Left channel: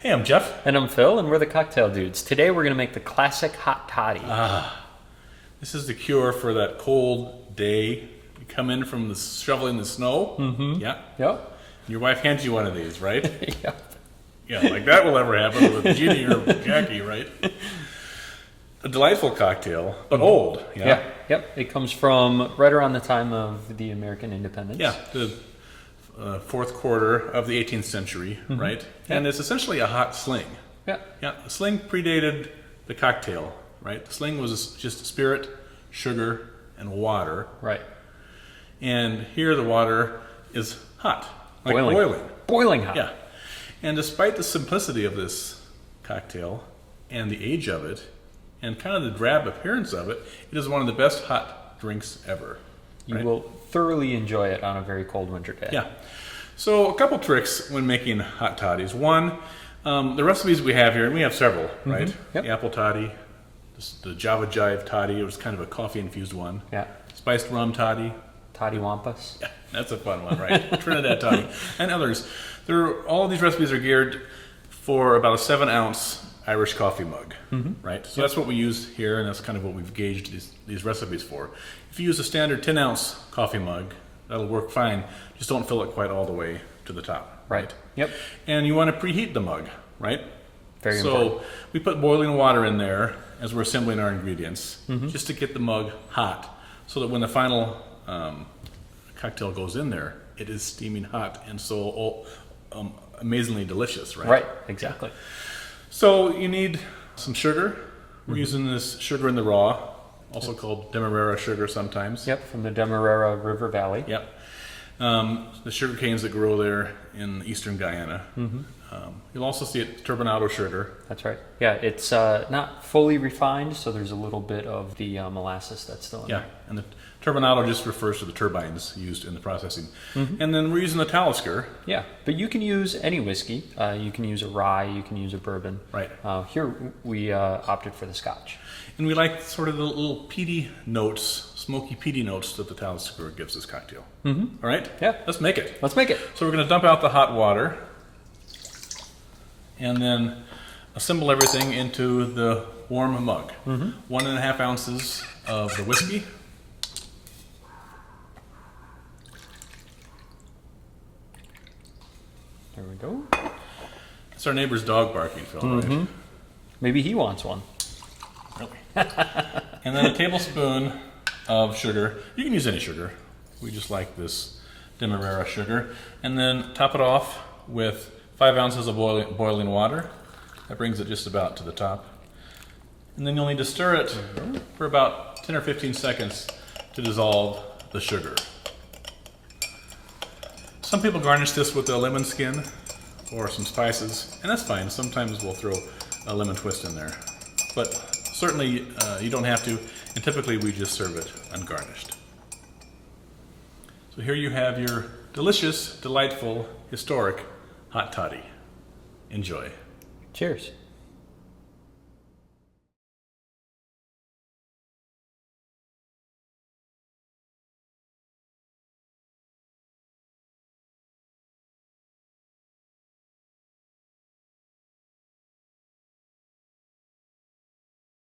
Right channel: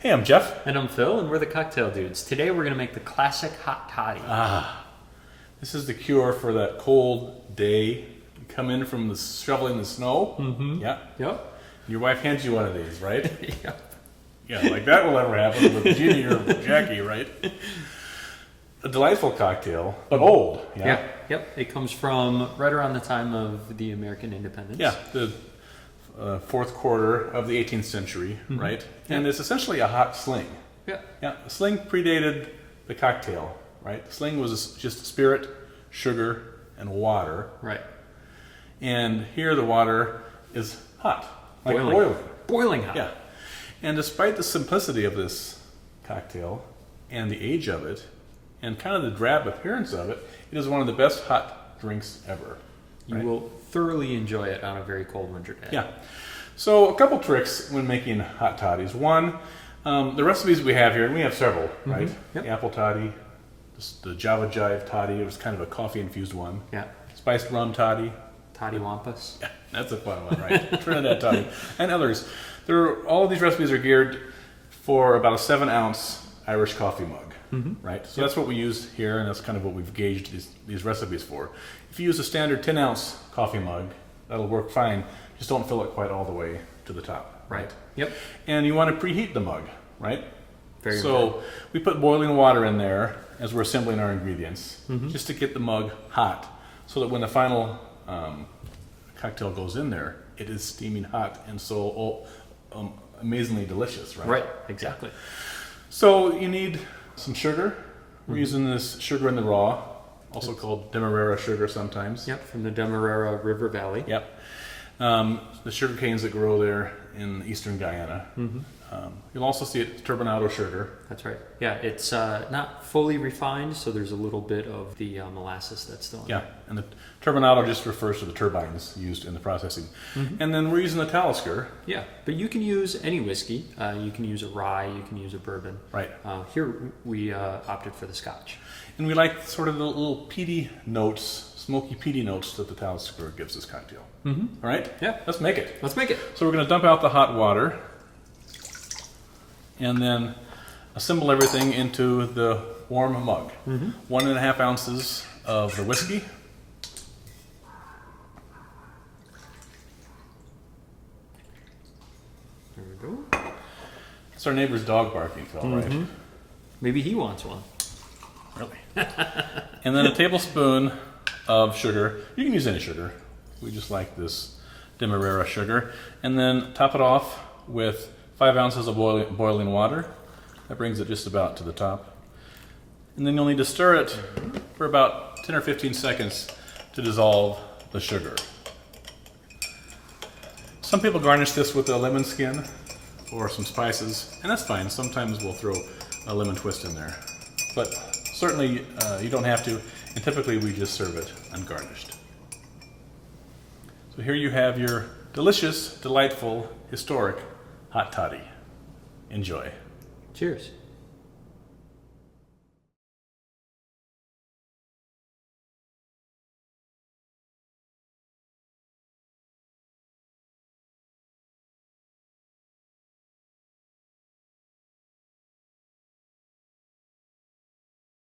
Hey, I'm Jeff. And I'm Phil, and we're the Cocktail Dudes. Today we're going to make the classic Hot Toddy. This is the cure for that cold day. You come in from shoveling the snow. Mm-hmm. Yeah. Yep. Your wife hands you one of these, right? Yep. Yeah, like that will ever happen with Ginny or Jackie, right? A delightful cocktail, but old. Yeah. Yep. It comes from right around the time of the American independence. Yeah. The fourth quarter of the 18th century, right? And it's essentially a hot sling. Yeah. Yeah. The sling predated the cocktail, right? The sling was just spirit, sugar, and water. Right. And here the water is hot, like boiling. Boiling hot. Yeah. And despite the simplicity of this cocktail and the age of it and kind of the drab appearance of it, it is one of the best hot drinks ever. You will thoroughly enjoy it on a very cold winter day. Yeah. So a couple tricks when making hot toddies. One, the recipes we have here, and we have several, right? Yep. The apple toddy, the Java Jive toddy, it was kind of a coffee-infused one. Yeah. Spiced rum toddy. Toddy Wampas. Yeah, that's a fun one, right? Trinidad toddy. And others. All of these recipes are geared for about a 7-ounce Irish coffee mug, right? So that's what we use here, and that's kind of what we've gauged these recipes for. If you use a standard 10-ounce coffee mug, that'll work fine. Just don't fill it quite all the way to the top, right? Yep. And you want to preheat the mug, right? Very important. So we put boiling water in there as we're assembling our ingredients, just to get the mug hot, so that when the final cocktail goes in there, it is steaming hot and so amazingly delicious, right? Right, exactly. So you need some sugar. We're using this sugar in the raw, also called Demerara sugar sometimes. Yep, from the Demerara River Valley. Yep. The sugar canes that grow there in eastern Guyana. You'll also see it turbinado sugar. That's right. Yeah, it's not fully refined, so there's a little bit of the molasses that's still in Yeah, and the turbinado just refers to the turbines used in the processing. And then we're using the Talisker. Yeah, but you can use any whiskey. You can use a rye, you can use a bourbon. Right. Here we opted for the Scotch. And we like sort of the little peaty notes, smoky peaty notes that the Talisker gives this cocktail. All right? Yeah. Let's make it. Let's make it. So we're going to dump out the hot water and then assemble everything into the warm mug. 1.5 ounces of the whiskey. There we go. It's our neighbor's dog barking, Phil, right? Maybe he wants one. Really? And then a tablespoon of sugar. You can use any sugar. We just like this Demerara sugar. And then top it off with 5 ounces of boiling water. That brings it just about to the top. And then you'll need to stir it for about 10 or 15 seconds to dissolve the sugar. Some people garnish this with a lemon skin or some spices, and that's fine. Sometimes we'll throw a lemon twist in there. But certainly you don't have to, and typically we just serve it ungarnished. So here you have your delicious, delightful, historic hot toddy. Enjoy. Cheers.